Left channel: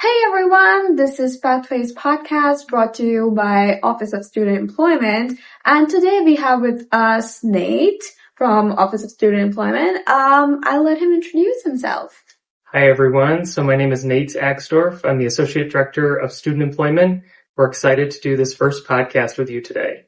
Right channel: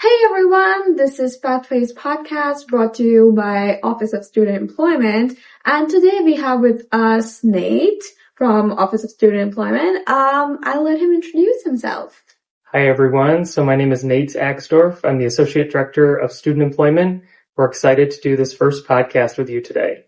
Hey everyone, this is Pathways Podcast brought to you by Office of Student Employment. And today we have with us Nate from Office of Student Employment. I'll let him introduce himself. Hi everyone, so my name is Nate Axdorff. I'm the Associate Director of Student Employment. We're excited to do this first podcast with you today.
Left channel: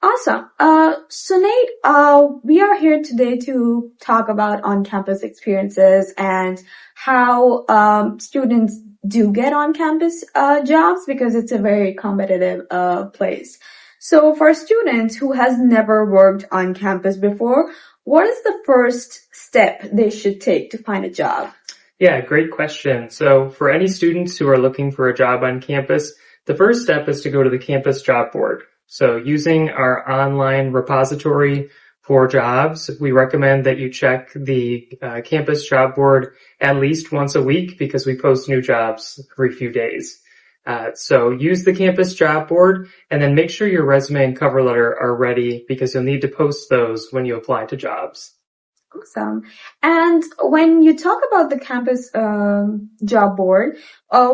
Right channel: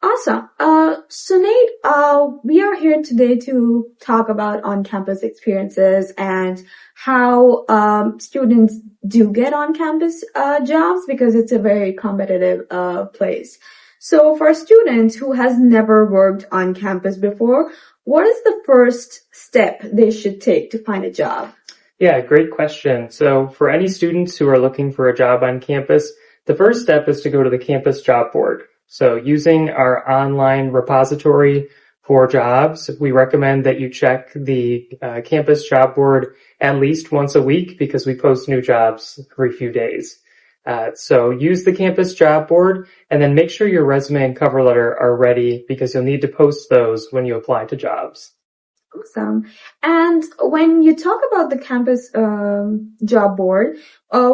Awesome. So Nate, we are here today to talk about on-campus experiences and how students do get on-campus jobs because it's a very competitive place. So for students who has never worked on campus before, what is the first step they should take to find a job? Yeah, great question. So for any students who are looking for a job on campus, the first step is to go to the campus job board. So using our online repository for jobs, we recommend that you check the campus job board at least once a week because we post new jobs every few days. So use the campus job board and then make sure your resume and cover letter are ready because you'll need to post those when you apply to jobs. Awesome. And when you talk about the campus job board,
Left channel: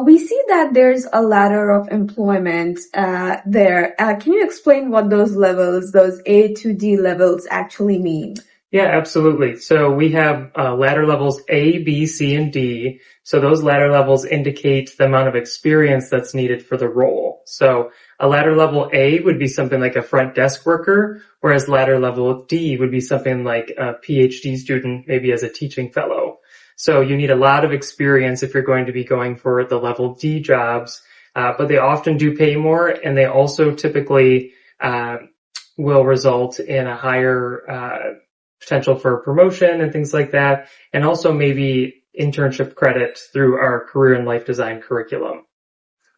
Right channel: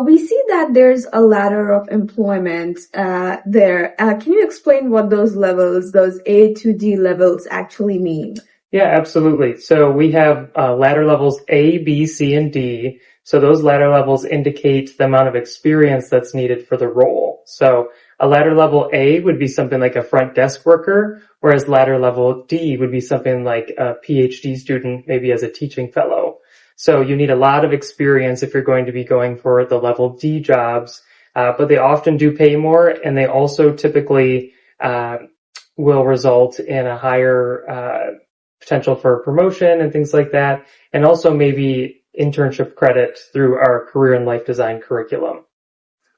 we see that there's a ladder of employment there. Can you explain what those levels, those A to D levels actually mean? Yeah, absolutely. So we have ladder levels A, B, C, and D. So those ladder levels indicate the amount of experience that's needed for the role. So a ladder level A would be something like a front desk worker, whereas ladder level D would be something like a PhD student, maybe as a teaching fellow. So you need a lot of experience if you're going to be going for the level D jobs, but they often do pay more, and they also typically will result in a higher potential for promotion and things like that, and also maybe internship credit through our career and life design curriculum.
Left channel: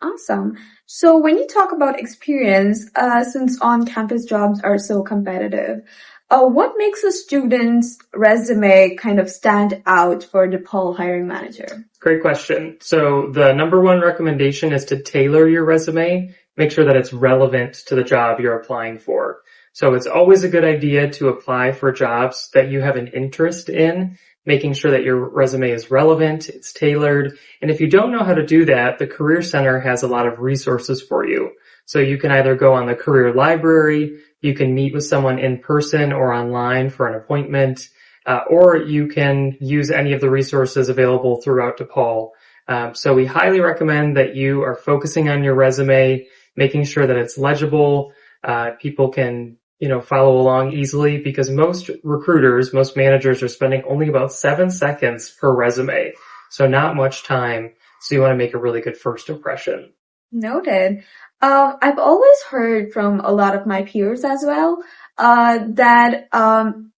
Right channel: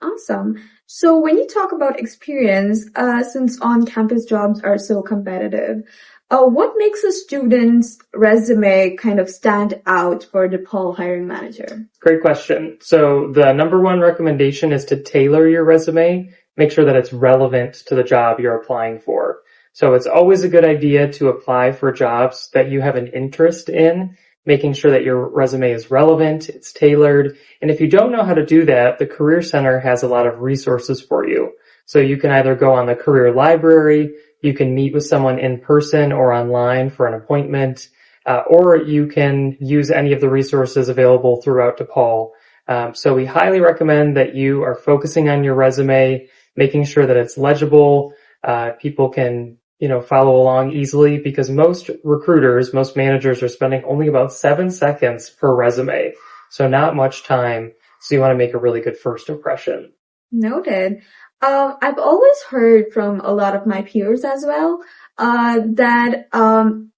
Awesome. So when you talk about experience, since on-campus jobs are so competitive, what makes a student's resume kind of stand out for DePaul hiring manager? Great question. So the number one recommendation is to tailor your resume, make sure that it's relevant to the job you're applying for. So it's always a good idea to apply for jobs that you have an interest in, making sure that your resume is relevant, it's tailored. And if you don't know how to do that, the Career Center has a lot of resources for you. So you can either go on the Career Library, you can meet with someone in person or online for an appointment, or you can use any of the resources available throughout DePaul. So we highly recommend that you are focusing on your resume, making sure that it's legible, people can follow along easily because most recruiters, most managers are spending only about 7 seconds per resume. So not much time. So you want to make a really good first impression. Noted. I've always heard from a lot of my peers as well, that,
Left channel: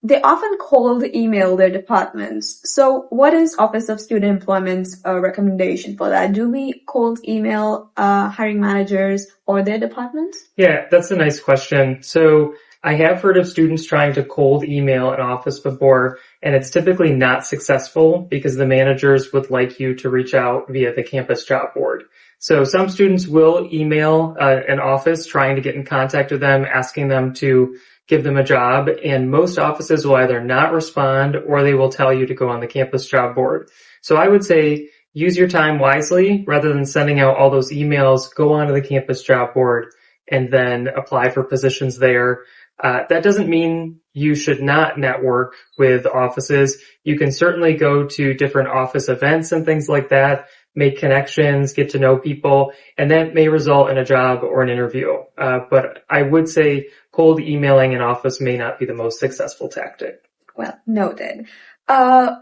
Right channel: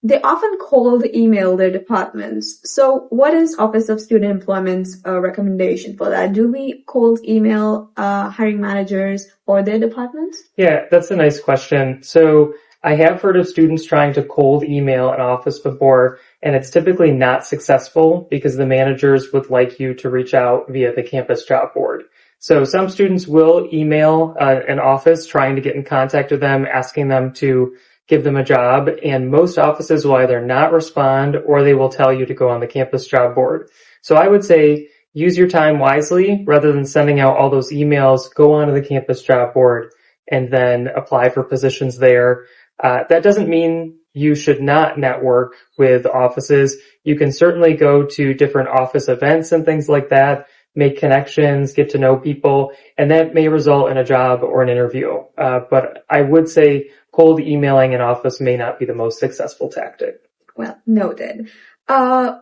they often cold email their departments. So what is Office of Student Employment's recommendation for that? Do we cold email, hiring managers or their departments? Yeah, that's a nice question. So I have heard of students trying to cold email an office before, and it's typically not successful because the managers would like you to reach out via the campus job board. So some students will email an office trying to get in contact with them, asking them to give them a job, and most offices will either not respond or they will tell you to go on the campus job board. So I would say use your time wisely rather than sending out all those emails. Go onto the campus job board and then apply for positions there. That doesn't mean you should not network with offices. You can certainly go to different office events and things like that, make connections, get to know people, and that may result in a job or an interview. But I would say cold emailing an office may not be the most successful tactic. Well, noted.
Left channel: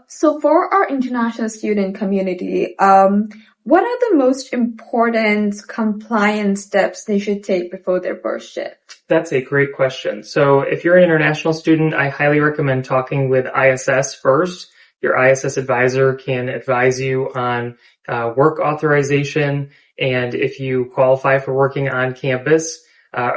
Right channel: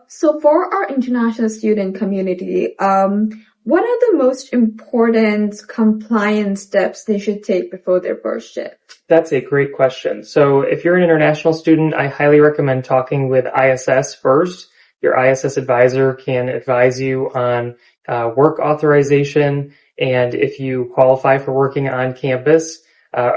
So for our international student community, what are the most important compliance steps they should take before their first shift? That's a great question. So if you're an international student, I highly recommend talking with ISS first. Your ISS advisor can advise you on work authorization and if you qualify for working on campus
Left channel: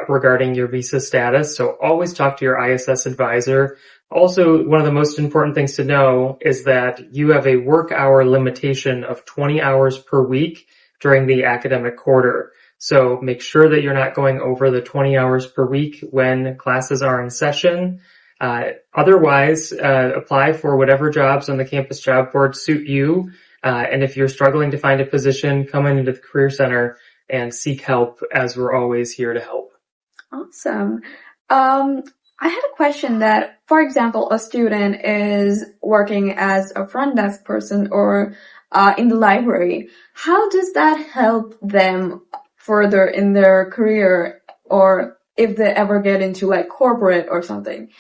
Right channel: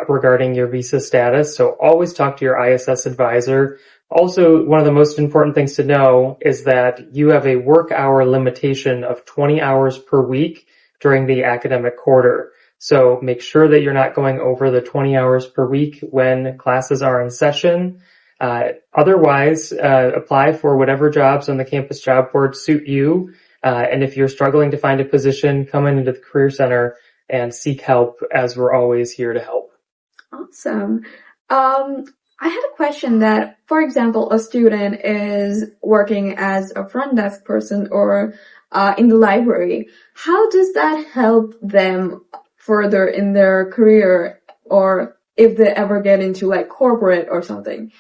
regarding your visa status. So always talk to your ISS advisor. Also, one of the most important things to know is that you have a work hour limitation of 20 hours per week during the academic quarter. So make sure that you're not going over the 20 hours per week when classes are in session. Otherwise, apply for whatever jobs on the campus job board suit you. And if you're struggling to find a position, come into the Career Center and seek help, as we're always here to help. Awesome. I had a question that, for example, a student is working as a front desk person or in the library. How does that help them further in their career, or if they ever get into like corporate or something?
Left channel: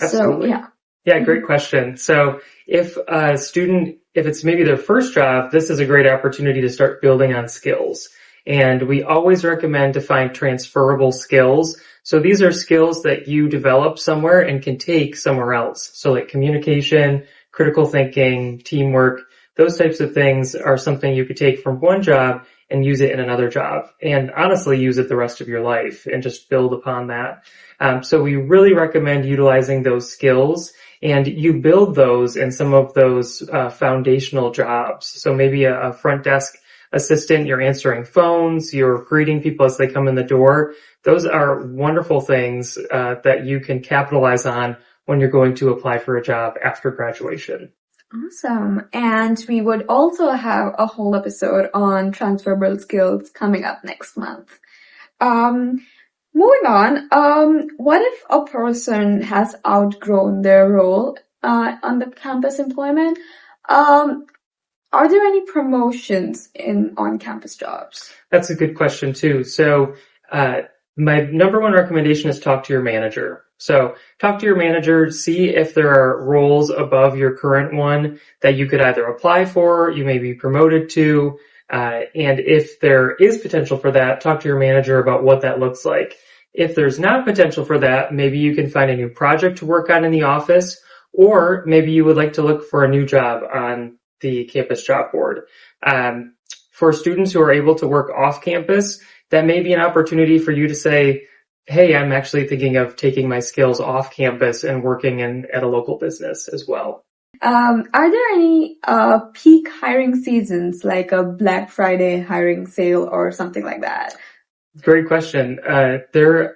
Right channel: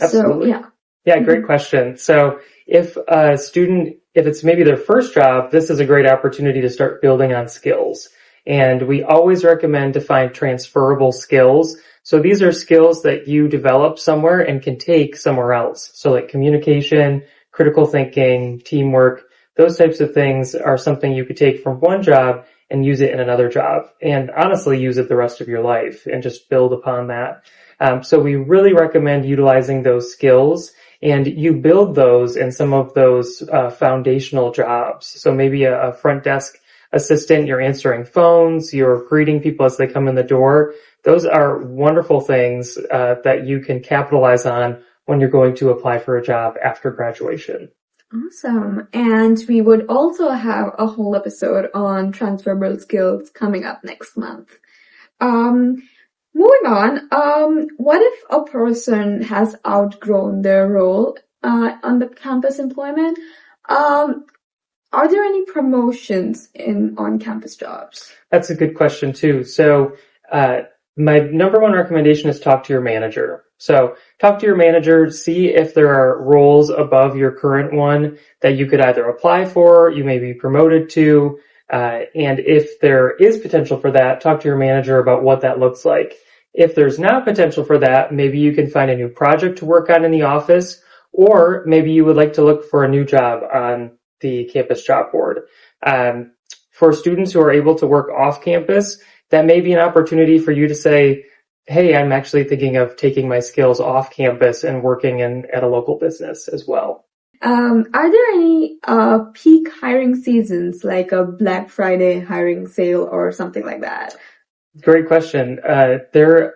Absolutely. So, yeah. Yeah, great question. So if a student, if it's maybe their first job, this is a great opportunity to start building on skills. And we always recommend to find transferable skills. So these are skills that you develop somewhere and can take somewhere else. So like communication, critical thinking, teamwork, those types of things are something you could take from one job and use it in another job, and honestly use it the rest of your life and just build upon that. So we really recommend utilizing those skills, and you build those in some of those foundational jobs. So maybe a front desk assistant, you're answering phones, you're greeting people as they come in the door. Those are wonderful things that you can capitalize on when you're going to apply for a job after graduation. Awesome. And we would also have a whole episode on transferable skills coming up next month. Moving on, what if a person has outgrown their role on the campus employment? Are there any promotions in on-campus jobs? That's a good question too. So my number one recommendation is talk to your manager. So talk to your manager, see if there are roles above your current one that you could either apply for, you may be promoted to, and if there is potential for that, talk to your manager about what that looks like. If there's not potential for that, maybe you can find a new project to work on in the office, or maybe you would like to look for a new job on the campus job board. For students who are able to work off campus, that may be an opportunity for you to say, hey, I'm actually thinking of taking my skills off campus and working at a local business as well. Are there any peak hiring seasons, like a Black Friday hiring sale or something like that? Great question. There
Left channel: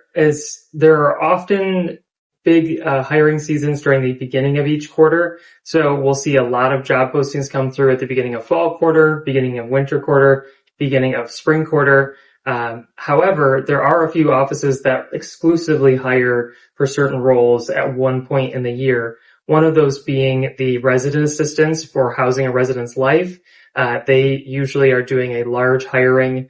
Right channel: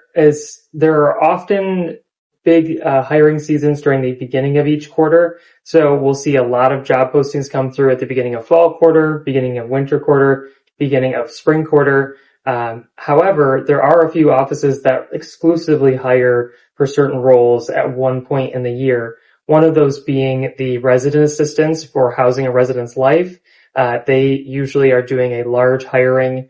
are often big hiring seasons during the beginning of each quarter. So we'll see a lot of job postings come through at the beginning of fall quarter, beginning of winter quarter, beginning of spring quarter. However, there are a few offices that exclusively hire for certain roles at one point in the year. One of those being the resident assistants for housing a resident's life. They usually are doing a large hiring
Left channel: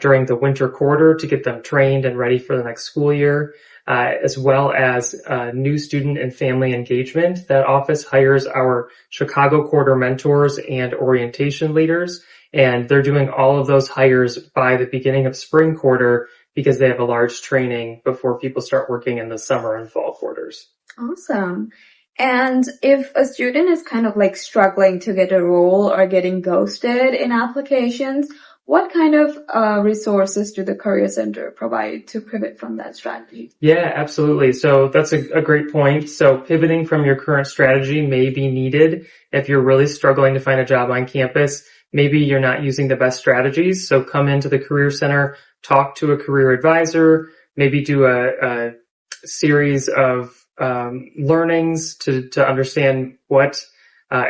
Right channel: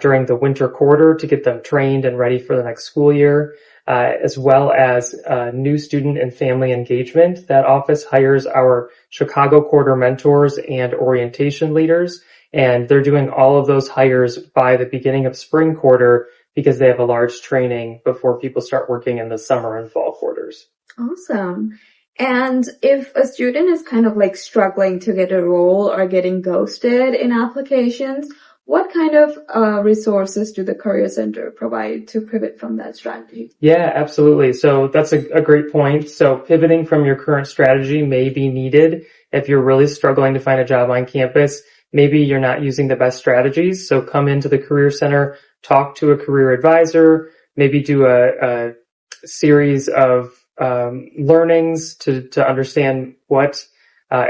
during the winter quarter to get them trained and ready for the next school year, as well as new student and family engagement. That office hires our Chicago quarter mentors and orientation leaders. And they're doing all of those hires by the beginning of spring quarter because they have a large training before people start working in the summer and fall quarters. Awesome. And if a student is kind of like struggling to get a role or getting ghosted in applications, what kind of resources do the Career Center provide to pivot from that strategy? Yeah, absolutely. So that's a great point. So pivoting from your current strategy may be needed if you're really struggling to find a job on campus. Maybe you're not using the best strategies. So come into the Career Center, talk to a career advisor, maybe do a series of learnings to understand what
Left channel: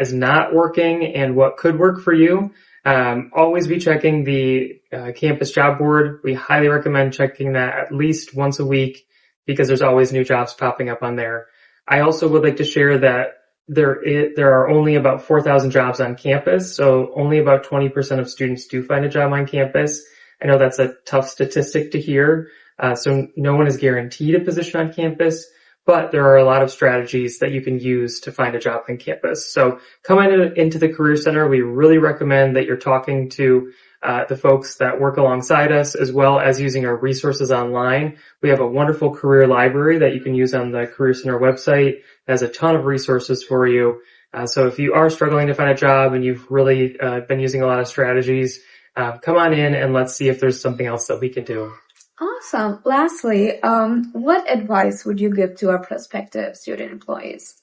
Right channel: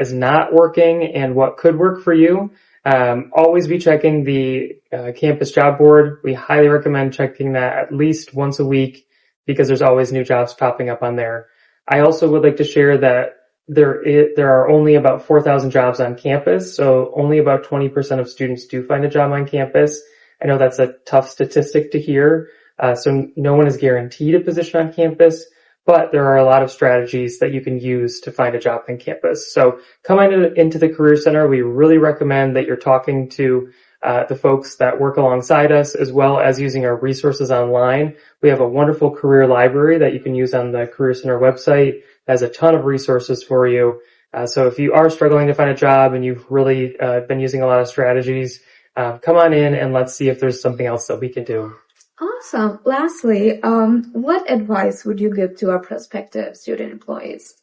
is not working and what could work for you. Always be checking the campus job board. We highly recommend checking that at least once a week because there's always new jobs popping up on there. I also would like to share that there are only about 4,000 jobs on campus, so only about 20% of students do find a job on campus. I know that's a tough statistic to hear, so no one is guaranteed a position on campus, but there are a lot of strategies that you can use to find a job on campus. So come into the Career Center. We really recommend that you're talking to the folks that work alongside us, as well as using our resources online. We have a wonderful career library that you can use on the Career Center website. It has a ton of resources for you. So if you are struggling to find a job and you've really been using a lot of strategies, come on in and let's see if there's something else that we can do. Awesome. Lastly, what advice would you give to our prospective student employees?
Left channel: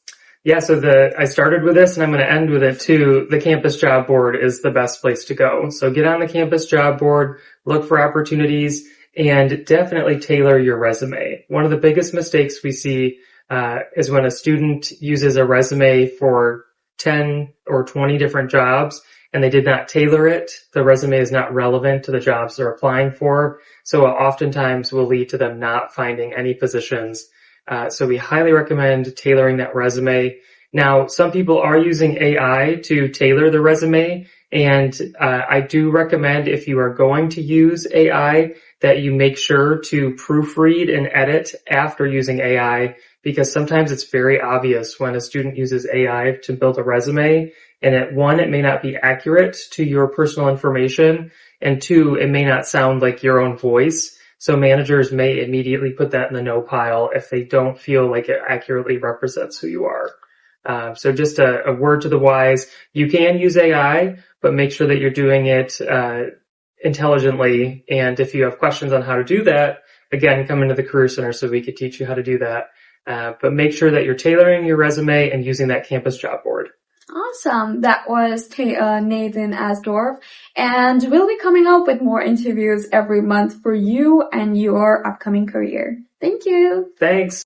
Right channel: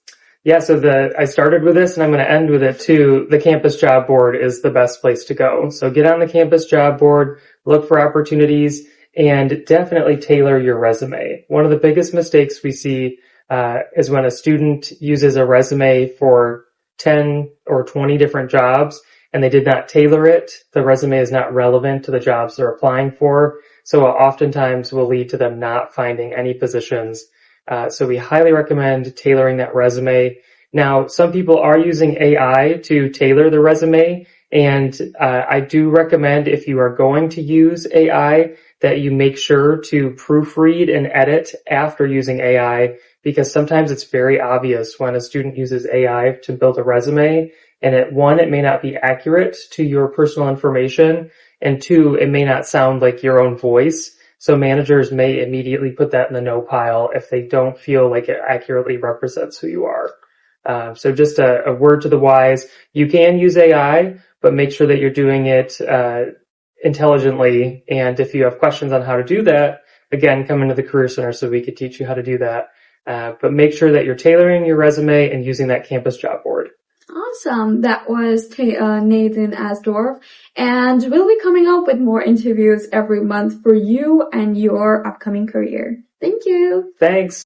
Yeah, so I started with this and I'm going to end with it too. The campus job board is the best place to go. So get on the campus job board, look for opportunities, and definitely tailor your resume. One of the biggest mistakes we see is when a student uses a resume for 10 or 20 different jobs and they did not tailor it, the resume is not relevant to the jobs they're applying for. So it oftentimes will lead to them not finding any positions. So we highly recommend tailoring that resume. Now, some people are using AI to tailor the resume, and I do recommend, if you are going to use AI, that you make sure to proofread and edit after using AI, because sometimes it's very obvious when a student uses AI to build a resume, and it may not be accurate to your personal information, and two, it may not sound like your own voice. So managers may immediately put that in the no pile if they don't feel like it accurately represents who you are. So just a word to the wise, you can use AI, but make sure that you're doing it intelligently. And if you have questions on how to do that, again, come into the Career Center so we could teach you how to do that. But make sure that you're tailoring your resume and using that campus job board. Awesome. That was Nathan Axdorff. And we'll be coming up with more interviews every month for you and your upcoming career. Thank you. Thanks.